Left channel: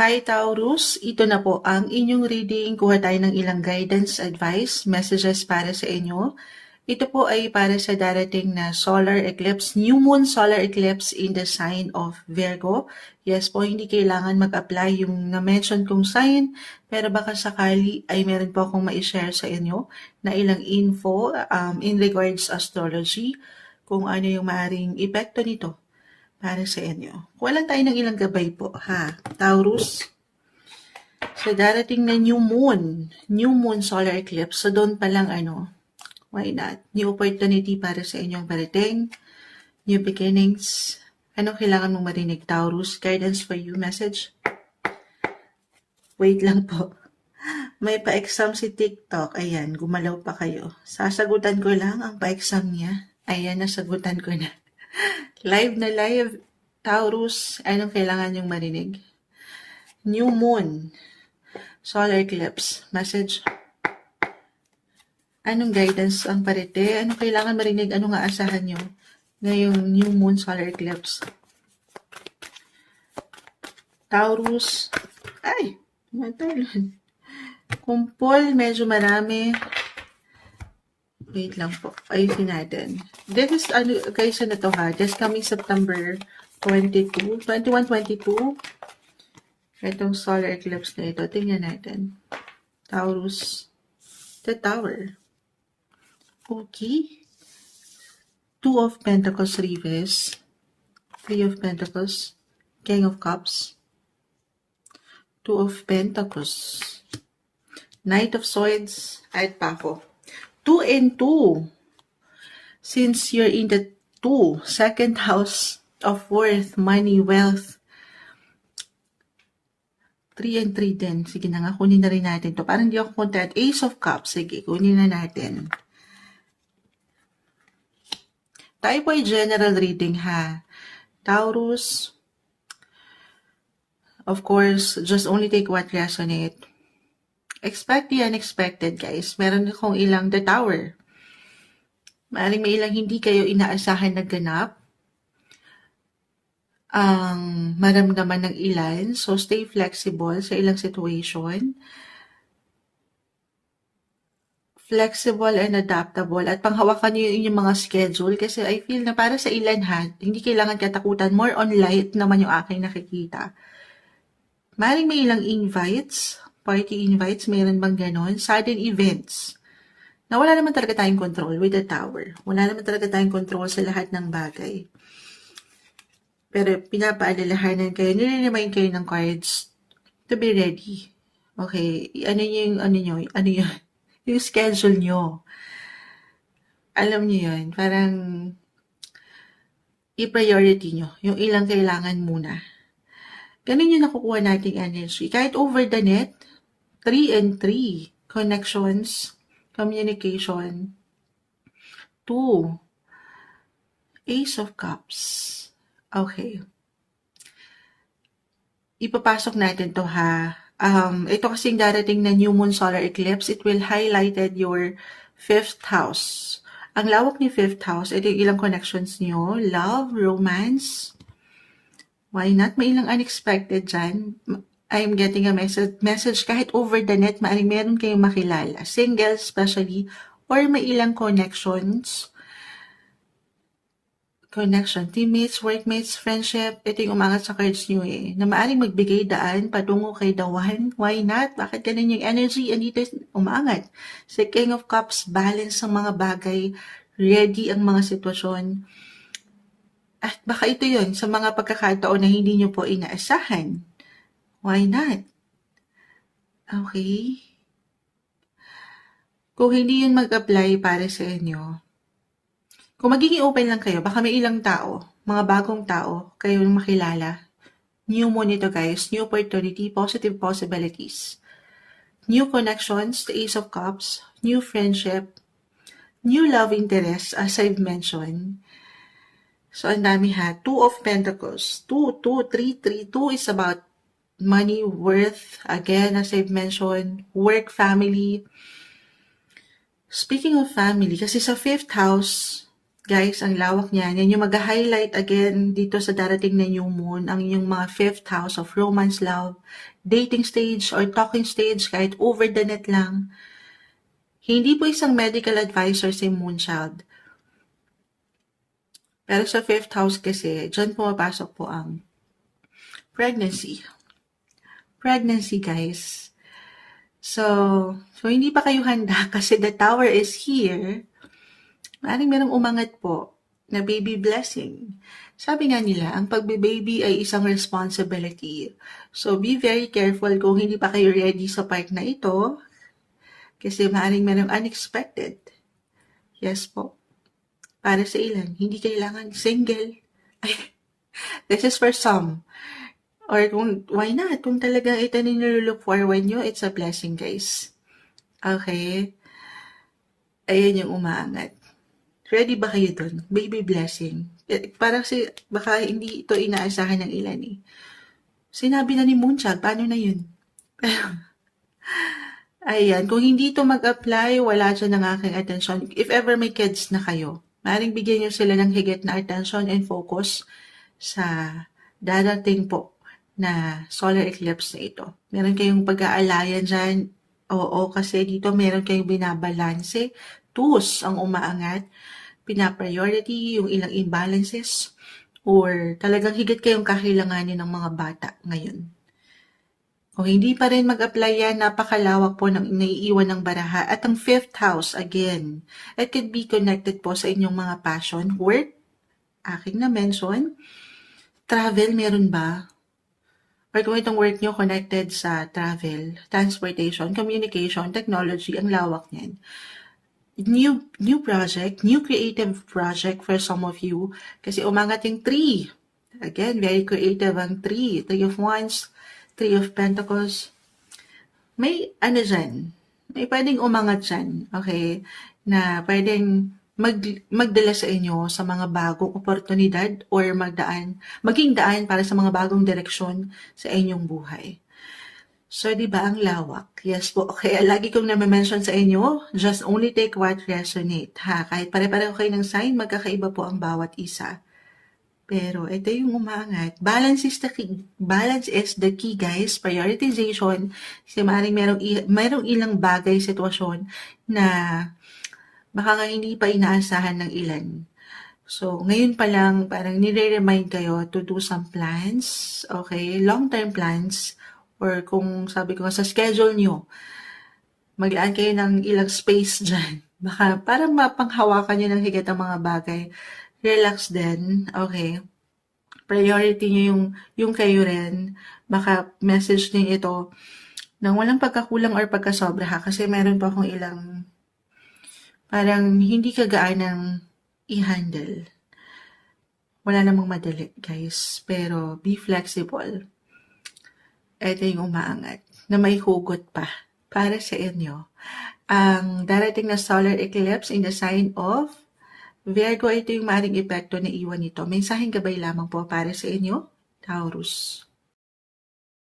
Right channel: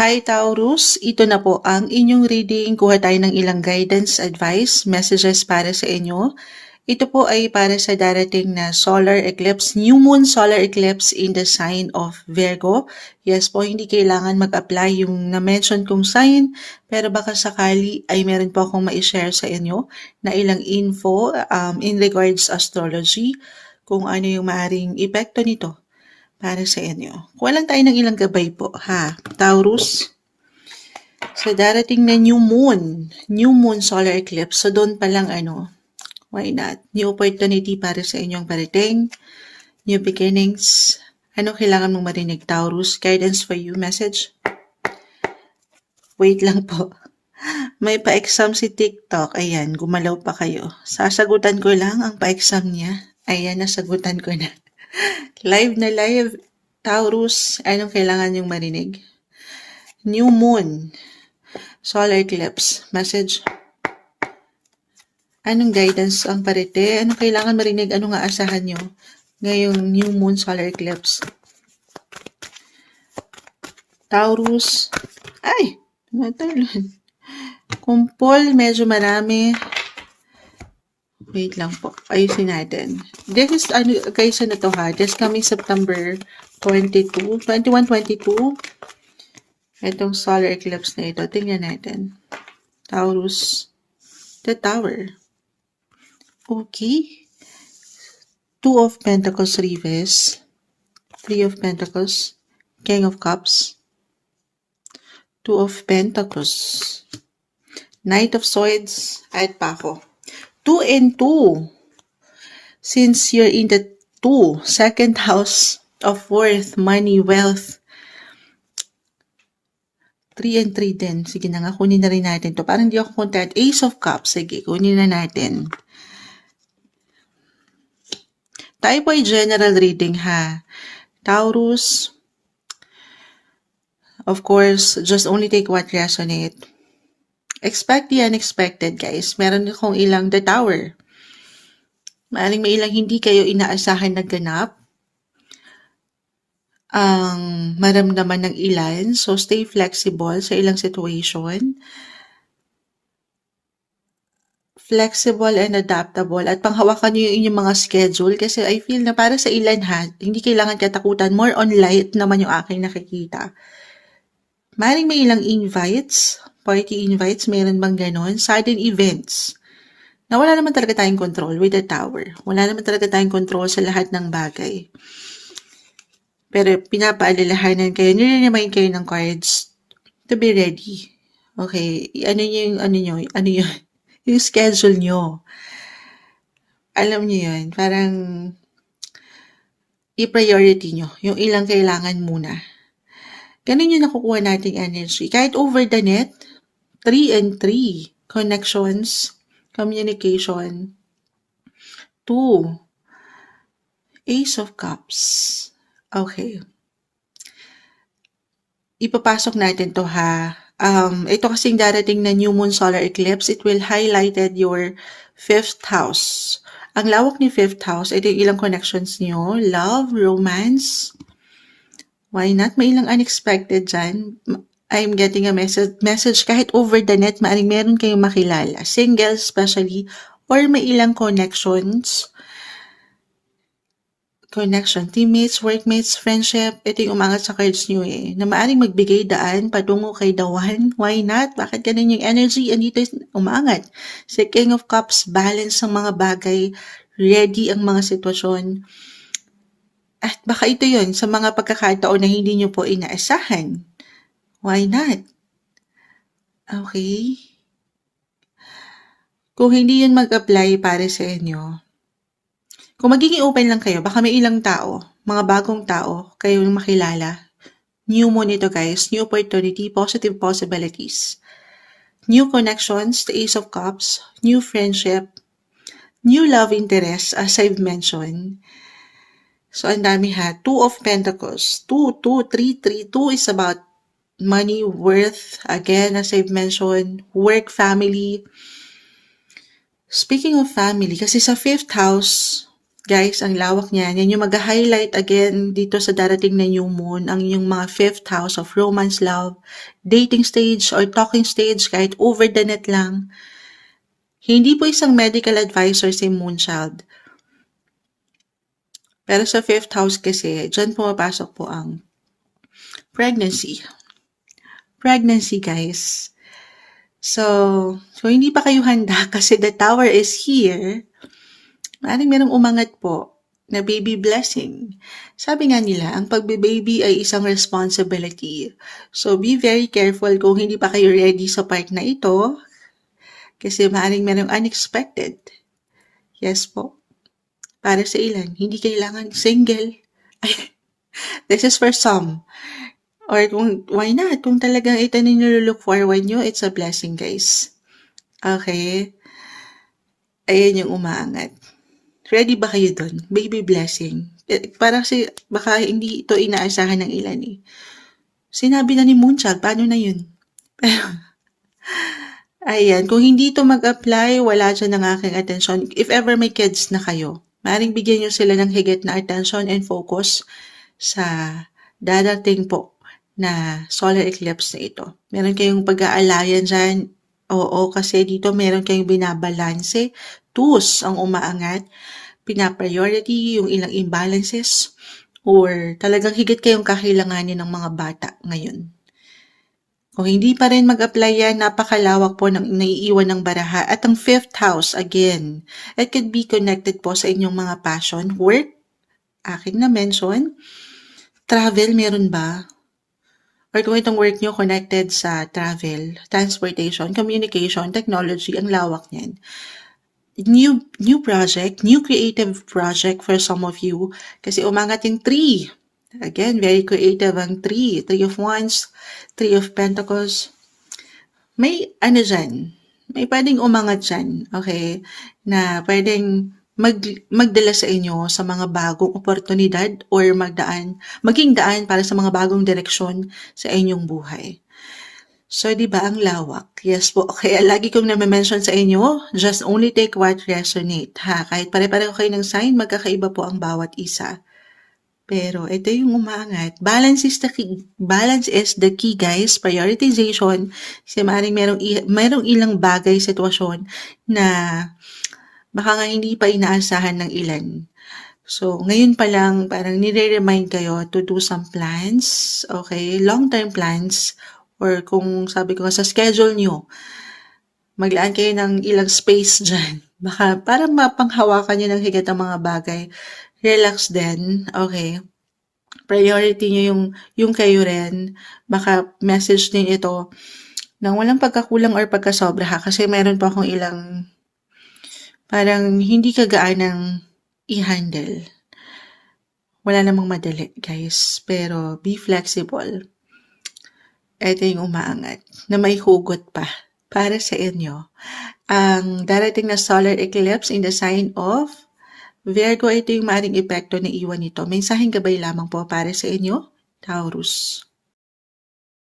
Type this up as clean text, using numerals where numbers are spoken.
Hi Taurus, ito na po ang inyong reading. Kuha tayo ng ilang guidance, advice, messages para sa inyo. Ito po ay para sa darating na solar eclipse, new moon solar eclipse in the sign of Virgo. Yes po, hindi kailangan mag-apply yung na-mention kong sign, pero baka sakali ay meron po akong ma-share sa inyo na ilang info in regards astrology, kung ano yung maaring epekto nito para sa inyo. Kuha lang tayo ng ilang gabay po, ha? Taurus, sa darating na new moon solar eclipse, so doon pa lang why not? New opportunity para sa inyong parating, new beginnings. Ano kailangan mong marinig, Taurus? Guidance for you, message? Wait lang po. May pa-exam si TikTok. Ayan, gumalaw pa kayo. Sasagutan ko lang ang pa-exam niya. Ayan, nasagutan ko na. Live na live. Taurus, anong kailangan yung marinig? New moon. Solar eclipse. Message. Anong guidance ang parete? Anong kailangan marinig? Anong aasahan nyo ngayong new moon solar eclipse? Taurus. Ay! Natalon. Kumpol, medyo marami. Wait lang po. Ayusin natin. This is, guys, ano to ha? This coming September 21, 22. Itong solar eclipse na ito. Tingnan natin. Taurus. The Tower. Okay. Two of Pentacles reverse. Three of Pentacles. King of Cups. Two of Pentacles. Knight of Swords. At pa ako. 2 and 2. Since you're in the second house of worth, money, wealth. 3 and 3 din. Sige na nga, kunin na rin natin to. Parang di ako content. Ace of Cups. Sige, kunin na natin. Tayo po ay general reading ha. Taurus, of course, just only take what resonate. Expect the unexpected, guys. Meron akong ilang the Tower. Maaaring may ilang hindi kayo inaasahan na ganap ang maramdaman ng ilan. So, stay flexible sa ilang situation. Flexible and adaptable. At panghawakan nyo yung inyong mga schedule kasi I feel na para sa ilan ha, hindi kailangan katakutan. More on light naman yung aking nakikita. Maaaring may ilang invites, party invites, meron bang ganon? Sudden events. Na wala naman talaga tayong control with the Tower. Wala naman talaga tayong control sa lahat ng bagay. Pero pinapaalalahanan kayo, nire-remind kayo ng cards to be ready. Okay, yung schedule nyo. Alam nyo yun, parang i-priority nyo yung ilang kailangan muna. Ganun yung nakukuha nating energy. Kahit over the net, 3 and 3. Connections, communication. 2. Ace of Cups. Okay. Ipapasok natin to ha. Ito kasing darating na new moon solar eclipse, it will highlighted your 5th house. Ang lawak ni 5th house, ito yung ilang connections nyo. Love, romance. Why not? May ilang unexpected dyan. I'm getting a message kahit over the net, maaring meron kayong makilala. Single especially, or may ilang connections. Connection, teammates, workmates, friendship, ito yung umangat sa cards nyo na maaring magbigay daan patungo kay the one. Why not? Bakit ganun yung energy? Andito umangat. Si King of Cups, balance ang mga bagay, ready ang mga sitwasyon. At baka ito yun sa mga pagkakataon na hindi nyo po inaasahan. Why not? Okay. Kung hindi yun mag-apply para sa inyo, kung magiging open lang kayo, baka may ilang tao, mga bagong tao, kayong makilala. New moon ito guys, new opportunity, positive possibilities. New connections, the Ace of Cups, new friendship, new love interest, as I've mentioned. So, ang dami ha. 2 of Pentacles. 2, 3, 3. 2 is about money, worth, again, as I've mentioned, work, family. Speaking of family, kasi sa 5th house, Guys, ang lawak niyan. Yan yung mag-highlight again dito sa darating na new moon, ang inyong mga fifth house of romance, love, dating stage, or talking stage, kahit over the net lang. Hindi po isang medical advisor si Moonchild. Pero sa fifth house kasi, dyan pumapasok po ang pregnancy. Pregnancy, guys. So hindi pa kayo handa kasi the tower is here. Maaaring merong umangat po na baby blessing. Sabi nga nila, ang pagbe-baby ay isang responsibility. So be very careful kung hindi pa kayo ready sa part na ito kasi maaaring merong unexpected. Yes po. Para sa ilan, hindi kailangan single. This is for some. Or kung, why not? Kung talagang ito ninyo look forward nyo, it's a blessing, guys. Okay? Ayan yung umaangat. Ready ba kayo dun? Baby blessing. Parang baka hindi ito inaasahan ng ilan eh. Sinabi na ni Moonchild, paano na yun? Ayan, kung hindi ito mag-apply, wala dyan ang aking atensyon. If ever may kids na kayo, maaaring bigyan nyo sila ng higit na attention and focus sa darating po na solar eclipse na ito. Meron kayong pag-aalayan dyan. Oo, kasi dito meron kayong binabalanse. Twos ang umaangat. Pinapriority yung ilang imbalances or talagang higit kayong kakailanganin ng mga bata ngayon. Kung hindi pa rin mag-apply yan, napakalawak po ng naiiwan ng baraha. At ang fifth house, again, it could be connected po sa inyong mga passion, work, aking na-mention, travel, meron ba? Or kung itong work nyo connected sa travel, transportation, communication, technology, ang lawak niyan. New project, new creative project for some of you. Kasi umangat yung 3. Again, very creative ang 3. 3 of Wands, 3 of Pentacles. May dyan, may pwedeng umangat dyan, okay? Na pwedeng magdala sa inyo sa mga bagong oportunidad or maging daan para sa mga bagong direksyon sa inyong buhay. So, di ba ang lawak? Yes po. Kaya lagi kong na-mention sa inyo, just only take what resonate. Ha? Kahit pare-pareho kayo ng sign, magkakaiba po ang bawat isa. Pero ito yung umangat. Balance is the key, guys. Prioritization. Kasi maaaring merong ilang bagay, sitwasyon na baka nga hindi pa inaasahan ng ilan. So, ngayon pa lang, parang nire-remind kayo to do some plans, okay? Long-term plans, or kung sabi ko sa schedule nyo, maglaan kayo ng ilang space dyan. Baka para mapanghawakan nyo ng higit ang mga bagay. Relax din, okay? Priority nyo yung kayo rin. Baka message din ito nang walang pagkakulang or pagkasobra ha. Kasi meron pa akong ilang parang hindi kagaanang i-handle. Wala namang madali, guys. Pero be flexible. Ito yung umaangat na may hugot pa para sa inyo. Ang darating na solar eclipse in the sign of Virgo, ito yung maaaring epekto na iwan nito. Mensaheng gabay lamang po para sa inyo, Taurus.